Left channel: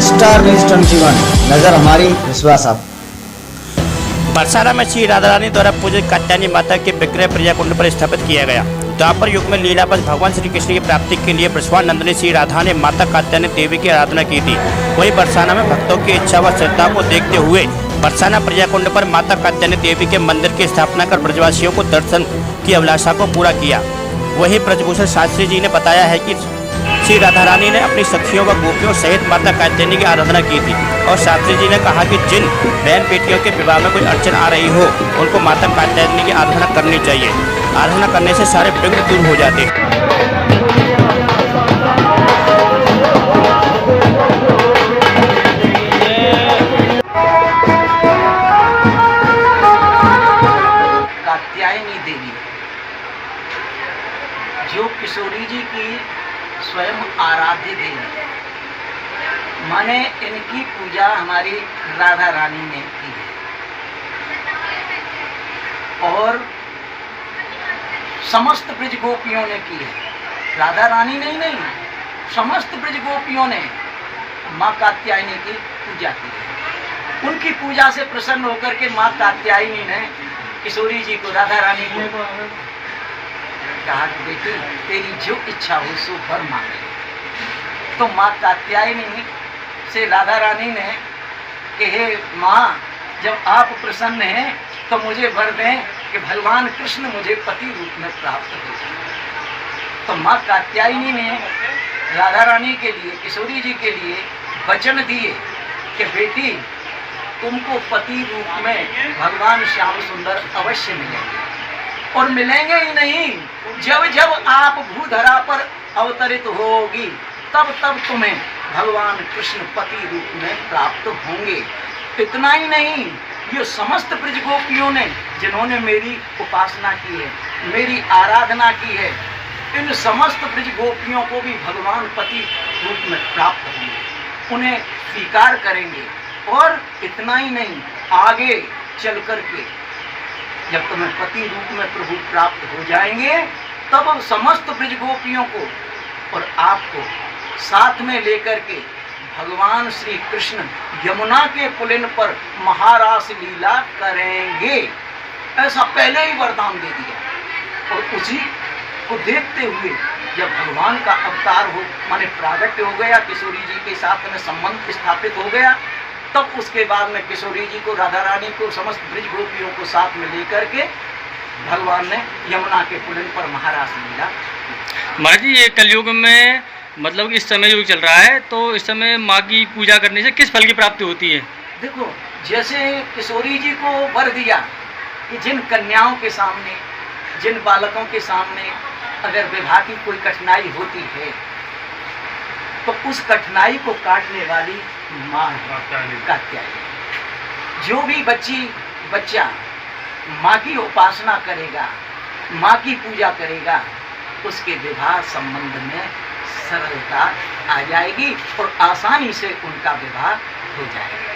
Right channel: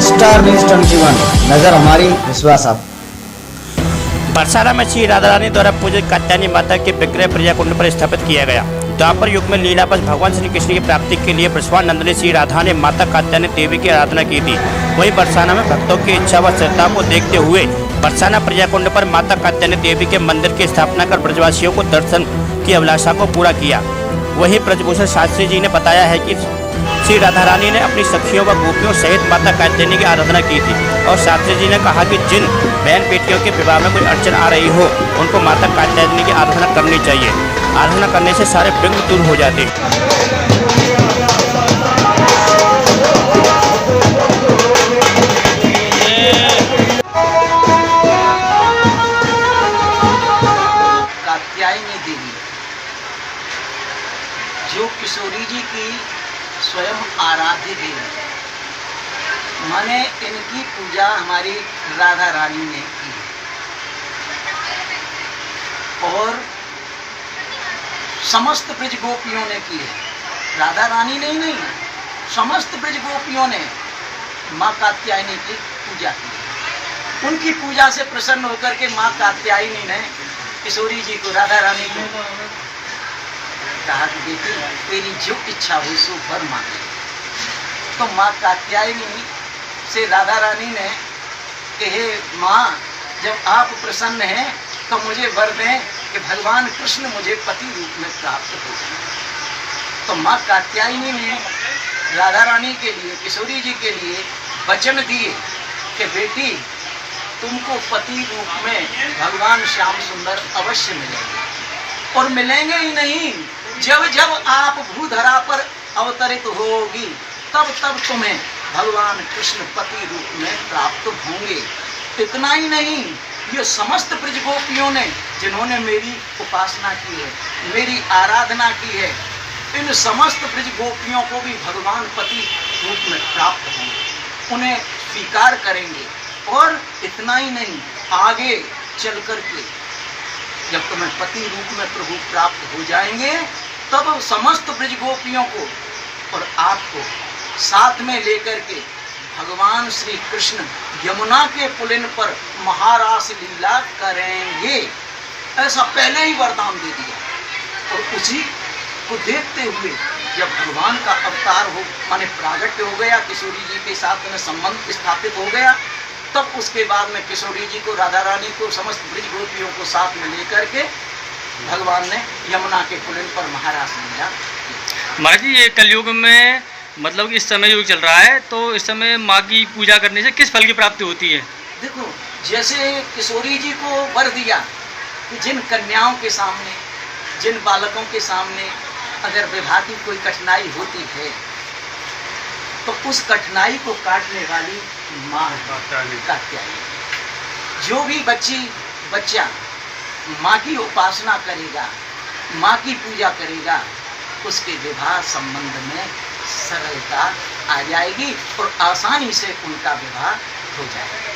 Star news 21 नजर हमारी विश्वास आप। बरसाना में श्री राधा रानी द्वारा पूजित कात्यायनी माता के विग्रह प्रिया कुंड पर स्थापित किया गया। द्वापर युग में लीलावश भगवान श्री कृष्ण की प्राप्ति के लिए ब्रजवानंदिनी श्री राधा ने माता कात्यायनी देवी की आराधना की थी। वहीं बरसाना में भक्तों की इच्छा व श्रद्धा को देखते हुए बरसाना प्रिया कुंड पर माता कात्यायनी देवी के मंदिर की स्थापना कर ब्रजवासियों को दर्शन की अभिलाषा को पूरा किया। वहीं ब्रजभूषण शास्त्री जी ने बताया है कि श्री राधा रानी ने अपनी सखियों व गोपियों सहित माता कात्यायनी की आराधना की थी और शास्त्री जी ने कहा कि जिन बहन बेटियों के विवाह में कोई अड़चन आ रही हो उनको माता कात्यायनी की आराधना करनी चाहिए। आराधना करने से सारे विघ्न दूर हो जाते हैं। कात्यायनी देवी जो किशोरी जी की स्वयं आराध्य देवी, माने इनकी पूजा हमारी राधा रानी ने की और समस्त ब्रज गोपियों ने की है। राधा रानी ने नहीं, समस्त ब्रज गोपियों ने माँ कात्यायनी की पूजा की है। उनकी पूजा से प्रसन्न होकर के माँ कात्यायनी ने किशोरी जी को, राधा रानी को कहा कि बेटी तेरी जो इच्छा हो सो वर मांगे। तो माँ कात्यायनी से राधा रानी ने कि हे माँ, जब आप प्रसन्न हैं तो मुझे वर दें कि भगवान कृष्ण मुझे पति रूप में प्राप्त हो जाए। तो माँ कात्यायनी ने राधा रानी के लिए, किशोरी जी के लिए वचन दिए कि बेटी तुमको पति रूप में भगवान श्याम सुंदर अवश्य मिलेंगे और मिलेंगे ही नहीं, जब जब आप भूधरा पर अवतरित होगी तब तब तुम्हें भगवान कृष्ण पति रूप में प्राप्त होंगे। इतना ही नहीं, ये समस्त ब्रज गोपियों ने जिन्होंने मेरी उपासना की है, मेरी आराधना की है, इन समस्त ब्रज गोपियों को भी भगवान पति रूप में प्राप्त होंगे, उन्हें स्वीकार करेंगे। और इतना ही नहीं, आगे चल करके जब तुम्हें पति रूप में प्रभु प्राप्त हो जाएंगे तब समस्त ब्रज गोपियों को और आपको साथ में लेकर के भगवान श्री कृष्ण यमुना के पुलिन पर महारास लीला करेंगे, ऐसा पहले ही वरदान दे दिया। और उसी को देखते हुए जब भगवान का अवतार हो माने प्रागट्य हो गया, किशोरी जी के साथ में संबंध स्थापित हो गया, तब उसके बाद में किशोरी जी को, राधा रानी को, समस्त ब्रज गोपियों को साथ में लेकर के भगवान ने यमुना के पुलिन पर महारास लीला। माँ जी, ये कलयुग में मतलब इस समय युग चल रहा है, तो इस समय माँ की पूजा करने से किस फल की प्राप्ति होती है? देखो, जैसे किशोरी जी को वर दिया कि जिन कन्याओं के सामने, जिन बालकों के सामने अगर विवाह की कोई कठिनाई होती है तो उस कठिनाई को काटने वाली माँ कात्यायनी। जो भी बच्चा माँ की उपासना करेगा, माँ की पूजा करेगा, उसके विवाह संबंध में सरलता आ जाएगी और आसानी से उनका विवाह हो जाएगा।